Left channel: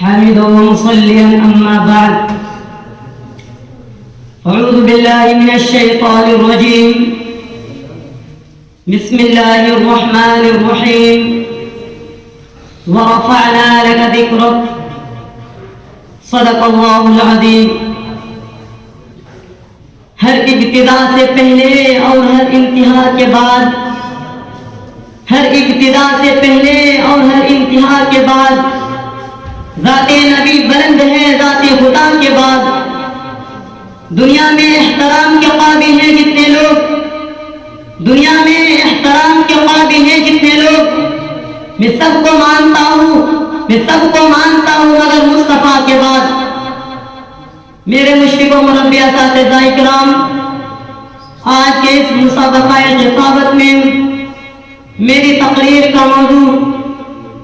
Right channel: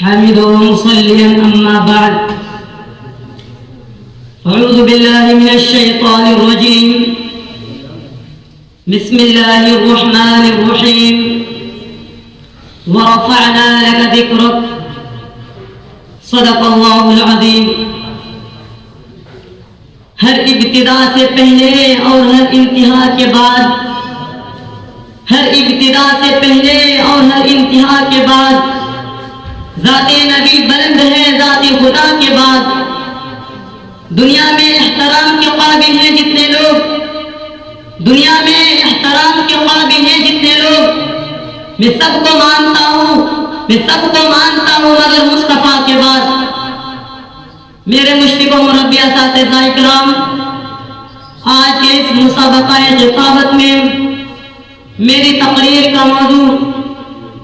حامدا ومصليا أما بعد أعوذ بالله من الشيطان الرجيم بسم الله الرحمن الرحيم ورفعنا لك ذكرك صدق الله العظيم. ہر ابتدا سے پہلے اور ہر انتہا کے بعد، ہر ابتدا سے پہلے اور ہر انتہا کے بعد ذات نبی بلند ہے، ذات خدا کے بعد. دنیا میں احترام کے قابل ہیں جتنے لوگ، دنیا میں احترام کے قابل ہیں جتنے لوگ، میں سب کو مانتا ہوں، میں سب کو مانتا ہوں مگر مصطفیٰ کے بعد. میرے مشرق و مربی اساتذہ اکرام، آج کے اس مسابقہ خطابت میں میری تقریر کا موضوع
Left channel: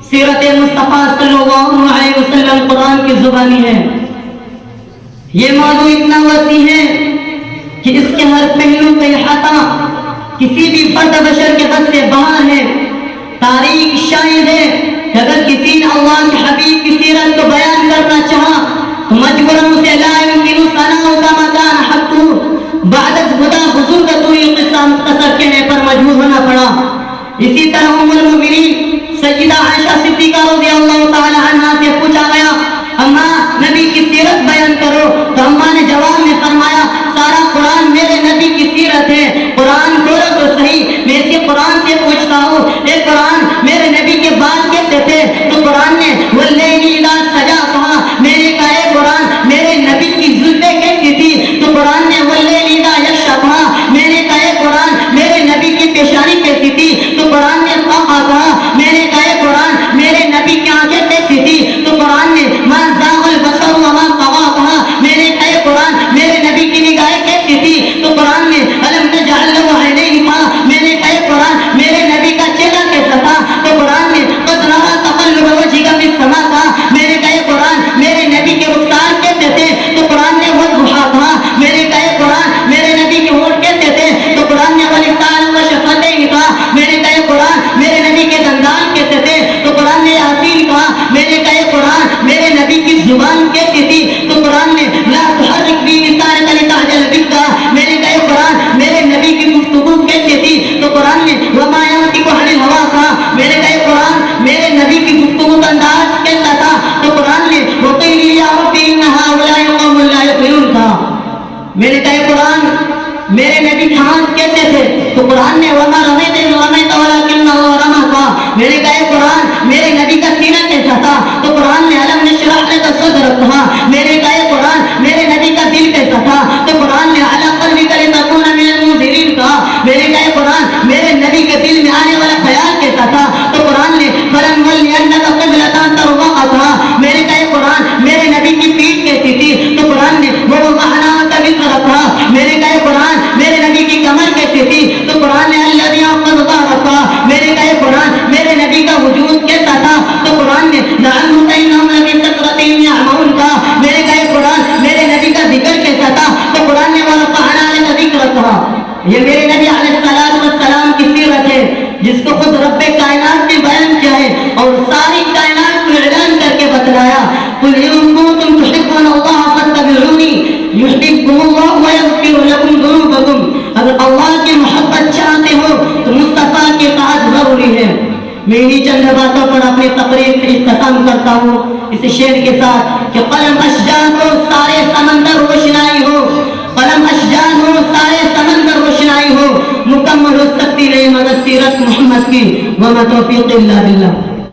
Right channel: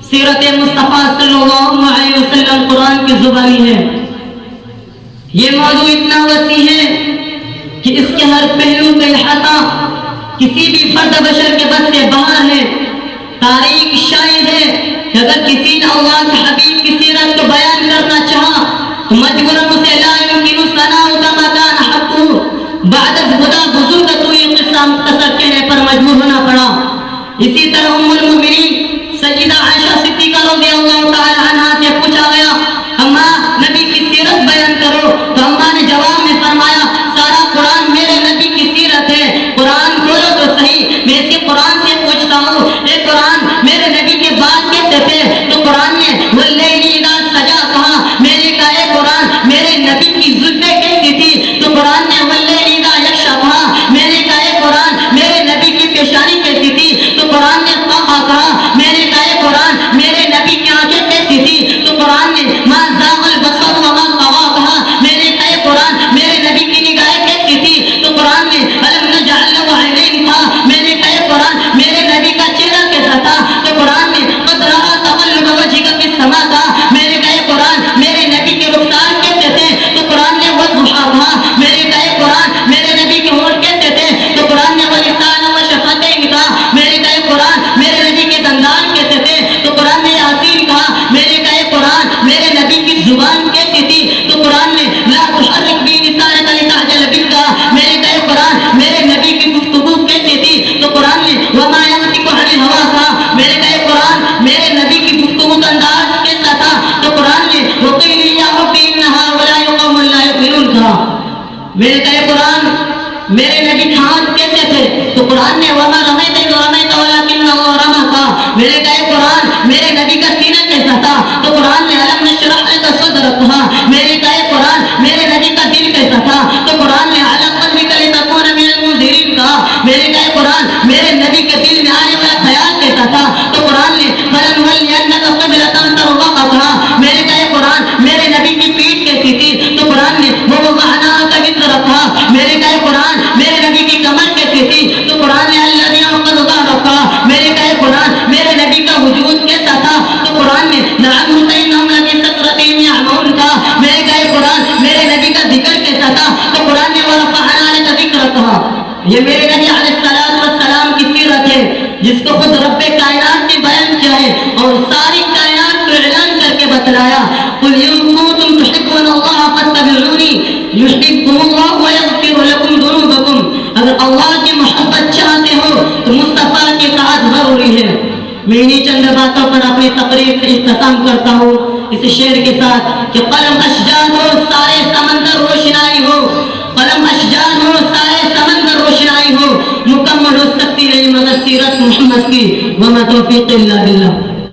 سیرت مصطفیٰ صلی اللہ علیہ وسلم قرآن کی زبانی ہے. یہ موضوع اتنا وسیع ہے کہ اس کے ہر پہلو کا احاطہ کسی بھی فرد بشر کے بس سے باہر ہے. تاریخ شاہد ہے کہ اگر کسی نے اللہ کے حبیب کی سیرت کو بیان کرنا چاہا تو مجبوراً اسے لا يمكن ثناء كما كان حقه بعد خدا بزرگ تو یہ قصہ مختصر کہنے پر مجبور ہونا پڑا. اسی طرح ام المؤمنین سیدہ عائشہ صدیقہ رضی اللہ تعالی عنہا سے پوچھا گیا اماں نبی کی سیرت بیان کرو، تو اماں نے جواب میں فرمایا سارا قرآن میرے نبی کی سیرت ہے، قرآن کھولو تو صحیح. میں اسی قرآن سے پوچھتا ہوں اے قرآن میرے نبی کے بال کیسے تھے؟ تو قرآن نے واللیل اذا سجا کہا. میں نے کہا اے قرآن میرے نبی کی زلفیں کیسی تھی؟ تو قرآن نے واللیل اذا یغشا کہا. میں نے کہا اے قرآن میرے نبی کی پیشانی کیسی تھی؟ تو قرآن نے طاقہ کہا. میں نے کہا اے قرآن میرے نبی کی آنکھیں کیسی تھی؟ تو قرآن نے ما زاغ البصر وما طغى کہا. میں نے کہا اے قرآن میرے نبی کی نگاہیں کیسی تھی؟ تو قرآن نے الم نجعل له عینین کہا. میں نے کہا اے قرآن میرے نبی کا چہرہ کیسا تھا؟ تو قرآن نے قد رأى تقلب وجهك في السماء کہا. میں نے کہا اے قرآن میرے نبی کے رخسار کیسے تھے؟ تو قرآن نے والضحیٰ کہا. میں نے کہا اے قرآن میرے نبی کے ہونٹ کیسے تھے؟ تو قرآن نے واللسان والشفتین کہا. میں نے کہا اے قرآن میرے نبی کے دندان کیسے تھے؟ تو قرآن نے یاسین کہا. میں نے کہا اے قرآن میرے نبی کی زبان کیسی تھی؟ تو قرآن نے لا تحرک به لسانك لتعجل به کہا. میں نے کہا اے قرآن میرے نبی کی گفتگو کیسی تھی؟ تو قرآن نے وما ينطق عن الهوى کہا. میں نے کہا اے قرآن میرے نبی کی گفتگو کا انداز کیسا تھا؟ تو قرآن نے وقیل یا رب ان هؤلاء قوم لا يؤمنون کہا. میں نے کہا اے قرآن میرے نبی کے ہاتھ کیسے تھے؟ تو قرآن نے وما رمیت اذ رمیت ولکن اللہ رمی کہا. میں نے کہا اے قرآن میرے نبی کا سینہ کیسا تھا؟ تو قرآن نے الم نشرح لک صدرک کہا. میں نے کہا اے قرآن میرے نبی کا دل کیسا تھا؟ تو قرآن نے علی قلبک لتکون من المنذرین کہا. میں نے کہا اے قرآن میرے نبی کے دل میں آنے والا خیال کیسا تھا؟ تو قرآن نے فلنولینک قبلۃ ترضاها کہا. میں نے کہا اے قرآن میرے نبی کی پیٹھ کیسی تھی؟ تو قرآن نے ووضعنا عنک وزرک کہا. میں نے کہا اے قرآن میرے نبی کی کمر کیسی تھی؟ تو قرآن نے الذی انقض ظہرک کہا. میں نے کہا اے قرآن میرے نبی کا وجود کیسا تھا؟ تو قرآن نے لعنهم فانهم لفی سکرۃ یعمہون کہا. میں نے کہا اے قرآن میرے نبی کا ذکر کیسا تھا؟ تو قرآن نے ورفعنا لک ذکرک کہا. یہ میرے نبی علیہ السلام کی سیرت ہے جس کو خود رب کائنات نے بیان کیا ہے اور ساری کائنات کو اعلان کر کے بتلایا قل ان کنتم تحبون اللہ فاتبعونی یحببکم اللہ ویغفر لکم ذنوبکم. اگر اللہ کی محبت چاہتے ہو تو مصطفیٰ کی اطاعت ضروری ہے. میں انہی چند باتوں پر اپنی تقریر کا اختتام کرتا ہوں اس شعر کے ساتھ کہ قلم اشجان ہو سارے سمندر روشنائی ہو، قلم اشجان ہو سارے سمندر روشنائی ہو، مکمل ہو سکتی نہیں مگر سیرت محمد کی. وما توفیق الا باللہ.